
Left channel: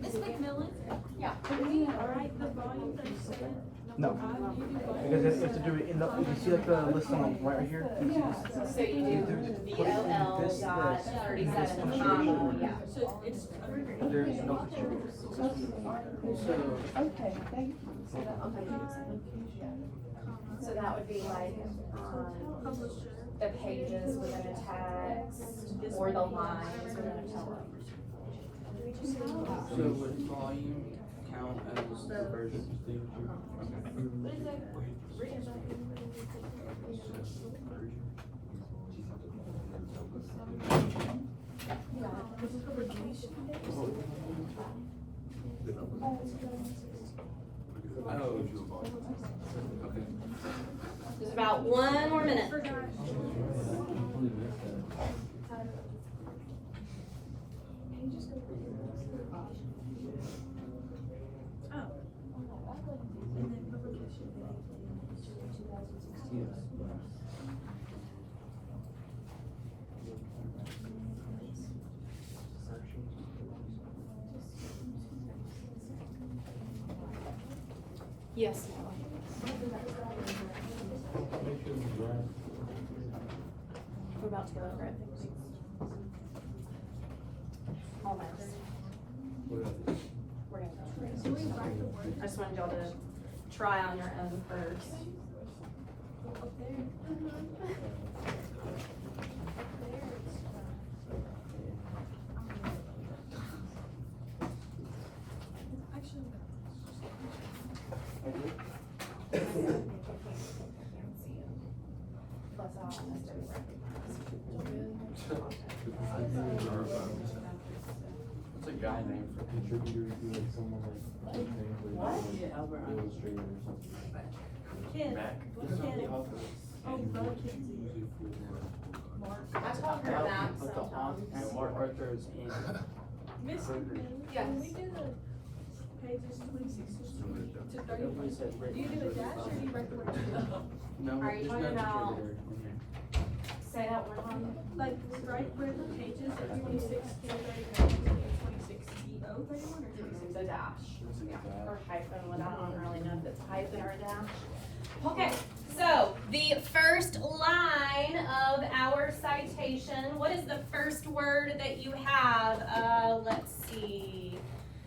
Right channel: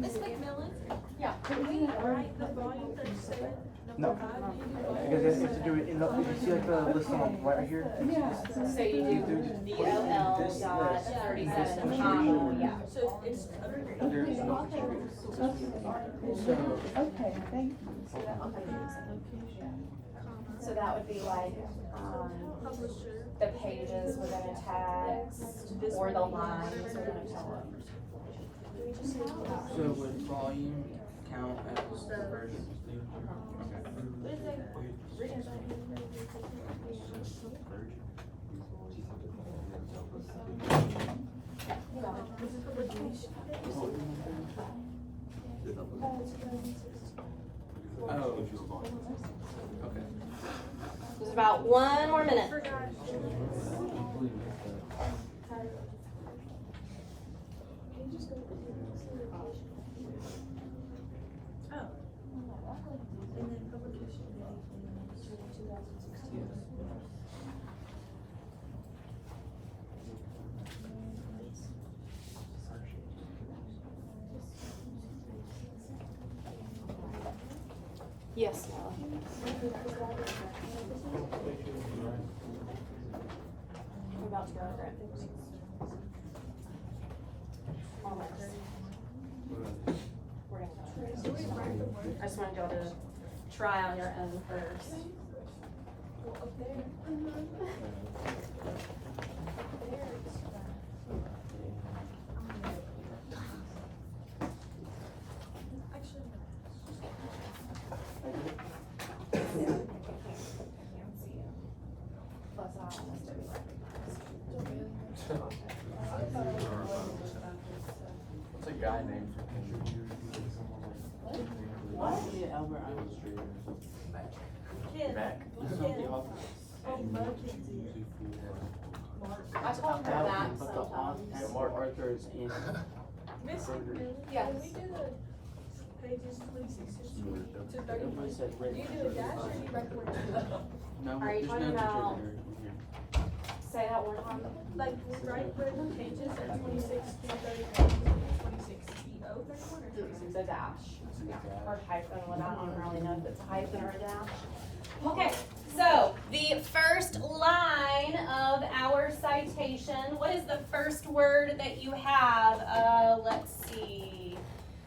Miss McMillen? Yeah. Can we write the volume that you said? no, because you have to do it in the. You see like the list on right here. So you do VOL dot 37, yeah. So it's. There is no contributors. So that would be like the pages within a text or the lines within a text. So would volume count as the version? There's about 1 more minute. Yes, Noah. We're about to go over it. Almost. We're gonna go. I just wanted y'all to try on your own first. What's a guy named for contributor doing someone like Mac? I told her that sometimes. Mark Arthur's in. Miss McMillen? Yes. Can we do the pages 26 to 30? Do you do a dash or do you recommend? No, Are you there's talking no about- contributor in here. Say that one time. Like, right, where the pages are 26 to 30, 26 EO 31 or 26? The dash. Yeah. Or hyphen, well, I don't really know if it's a hyphen or a dash. Okay, so the first line of our citation, what is the first word that you have? Let's see.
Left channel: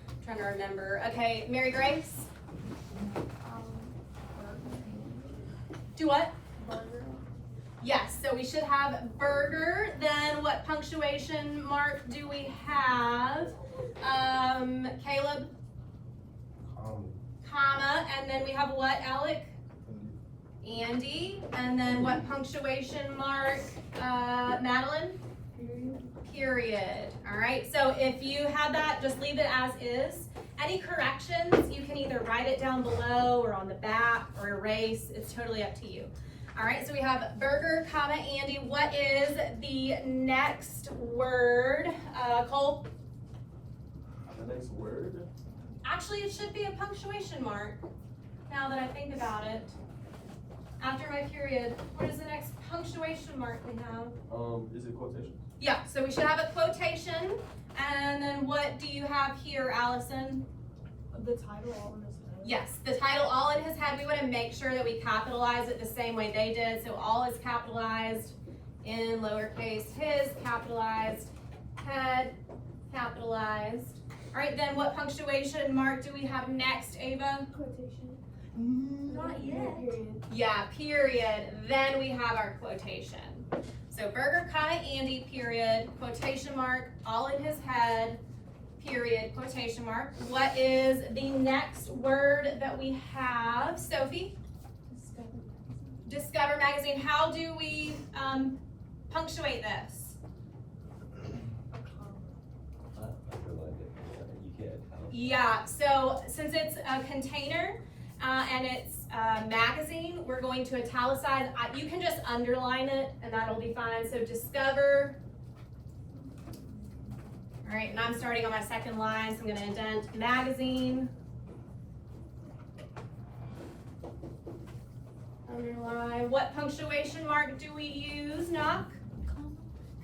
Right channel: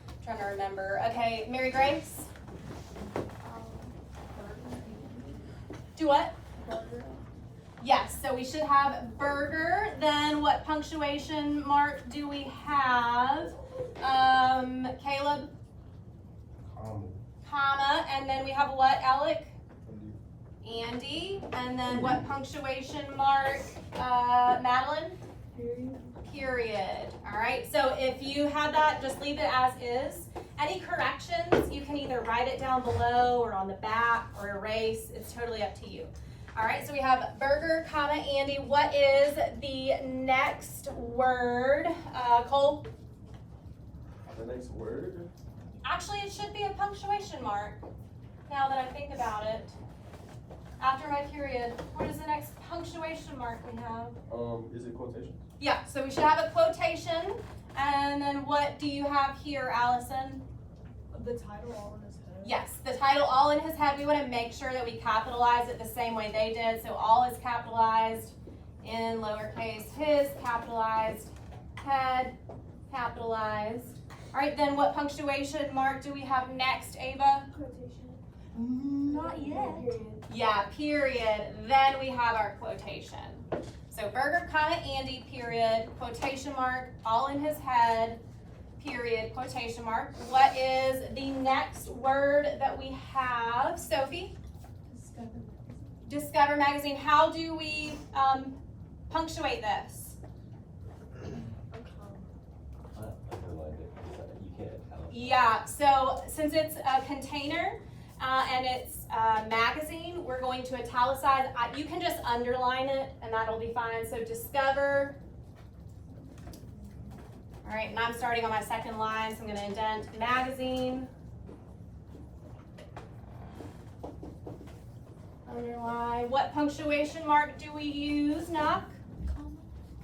I'm trying to remember. Okay, Mary Grace? Do what? Yes, so we should have burger. Then what punctuation mark do we have? Caleb? Comma, and then we have what, Alec? Andy, and then what punctuation mark, Madeline? Period. All right, so if you have that, just leave it as is. Any corrections, you can either write it down below or on the back or erase. It's totally up to you. All right, so we have burger, comma, Andy. What is the next word? Cole? The next word? I Actually, it should be a punctuation mark, now that I think about it. After my period, what is the next punctuation mark we have? Is it quotation? Yeah, so we should have a quotation, and then what do you have here, Allison? The title all in his head. Yes, the title all in his head. We want to make sure that we capitalize it the same way they did, so all is capitalized in lowercase, his capitalized, head capitalized. All right, then what punctuation mark do we have next, Ava? Quotation. Not yet. Yeah, period. Then we have our quotation. So Burger, comma, Andy, period, quotation mark, all in his head, period, quotation mark. What is the next word that we have, Sophie? Discover magazine. How do we punctuate this? Yeah, so since it's a container and it's a magazine, we're going to italicize. You can just underline it and that'll be fine. So discover. All right, and I'm starting on my second line, so I'm going to indent magazine. Underline. What punctuation mark do we use, Knock?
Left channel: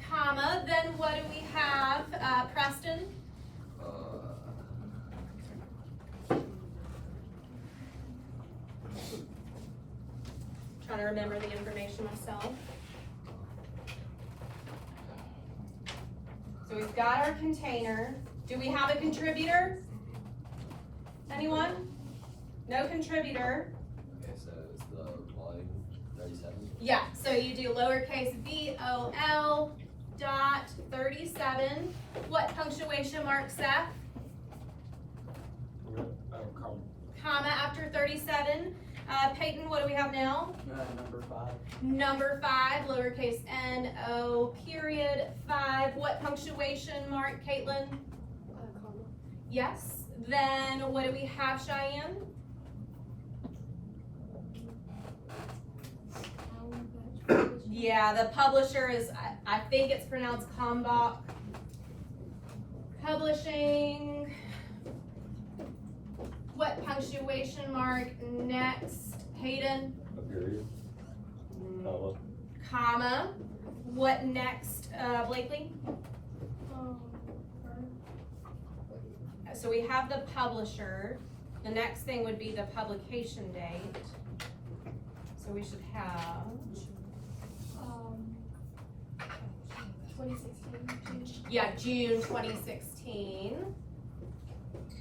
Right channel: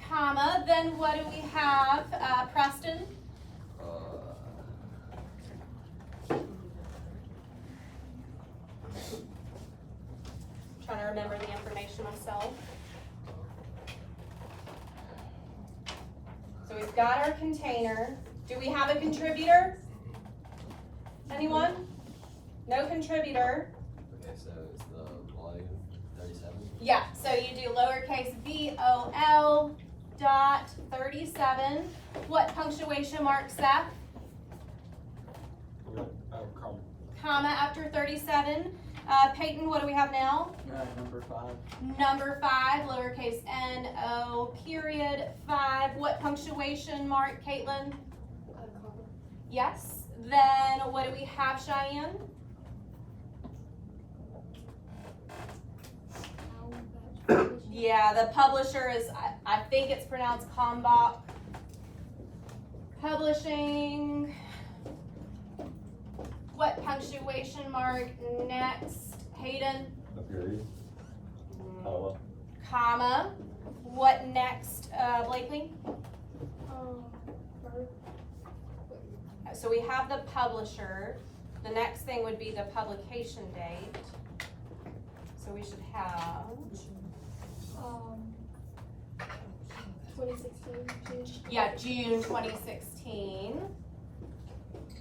Comma. Then what do we have, Preston? Trying to remember the information myself. So we've got our container. Do we have a contributor? Anyone? No contributor. Okay, so it's the volume 37. Yeah, so you do lowercase vol dot 37. What punctuation mark, Seth? Comma after 37. Peyton, what do we have now? Number 5. Number 5, lowercase no, period 5. What punctuation mark, Caitlin? Yes. Then what do we have, Cheyenne? Yeah, the publisher is, I think it's pronounced Kalmbach. Publishing. What punctuation mark next, Hayden? A period. Comma. What next, Blakely? So we have the publisher. The next thing would be the publication date. So we should have 2016. yeah, June 2016.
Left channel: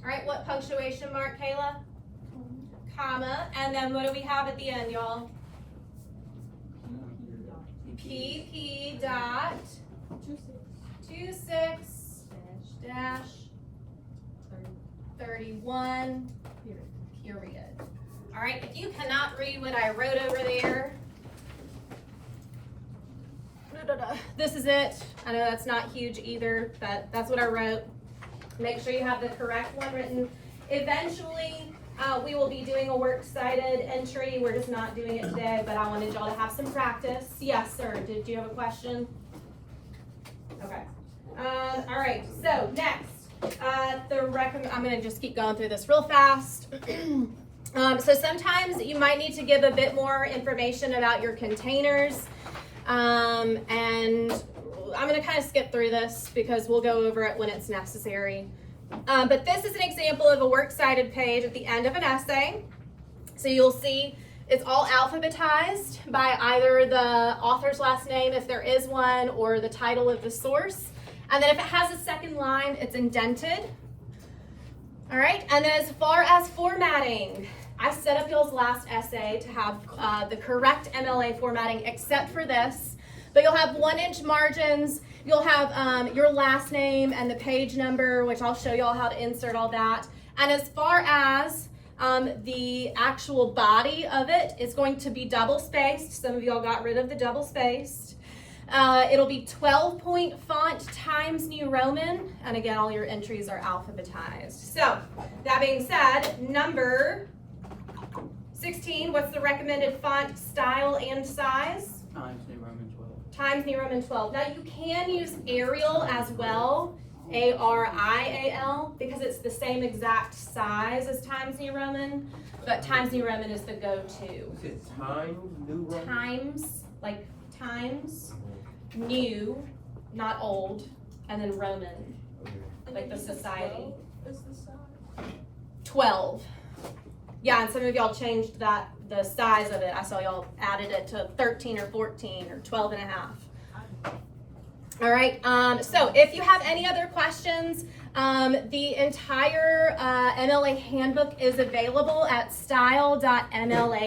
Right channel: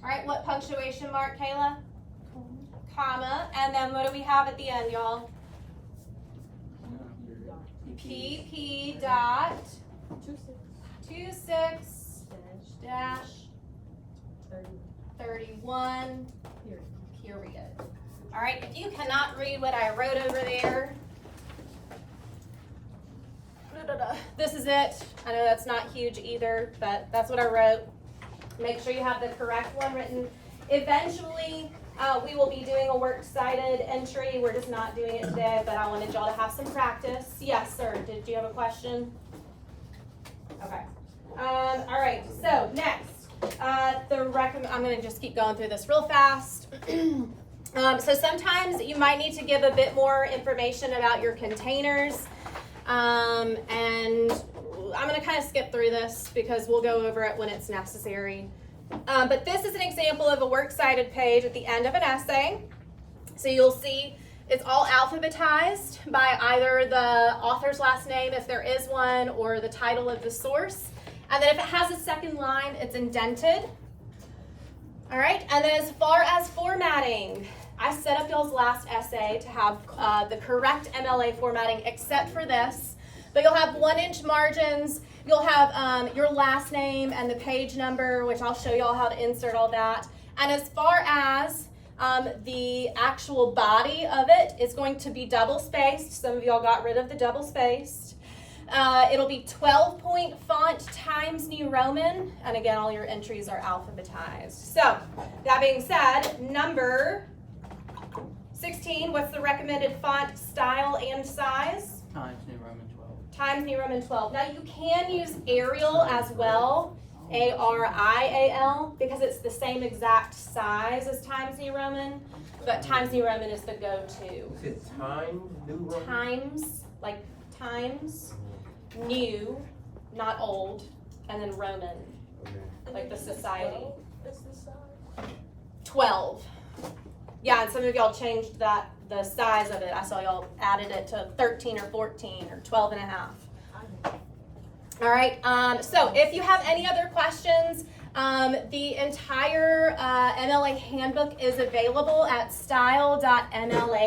All right, what punctuation mark, Kayla? Comma, and then what do we have at the end, y'all? PP dot 26 dash 31 period. All right, if you cannot read what I wrote over there, this is it. I know that's not huge either, but that's what I wrote. Make sure you have the correct one written. Eventually, we will be doing a works cited entry. We're just not doing it today, but I wanted y'all to have some practice. Yes, sir. Did you have a question? Okay. All right. So next, I'm going to just keep going through this real fast. So sometimes you might need to give a bit more information about your containers. And I'm going to kind of skip through this because we'll go over it when it's necessary. But this is an example of a works cited page at the end of an essay. So you'll see it's all alphabetized by either the author's last name, if there is one, or the title of the source. And then if it has a second line, it's indented. All right, and then as far as formatting, I set up y'all's last essay to have the correct MLA formatting except for this. But you'll have 1-inch margins, you'll have your last name and the page number, which I'll show y'all how to insert all that. And as far as the actual body of it, it's going to be double spaced. Some of y'all got rid of the double spaced. It'll be 12-point font Times New Roman. And again, all your entries are alphabetized. So that being said, number 16, what's the recommended font style and size? Times New Roman 12. Times New Roman 12. Now you can use Arial as well Arial, because it's the same exact size as Times New Roman, but Times New Roman is the go-to. Is it Time New Roman? Times, like Times New, not old, and then Roman, Okay. like the society. Is the size? 12. Yeah, and some of y'all changed that, the size of it. I saw y'all added it to 13 or 14 or 12 and a half. All right, so if you have any other questions, the entire MLA handbook is available at style.mla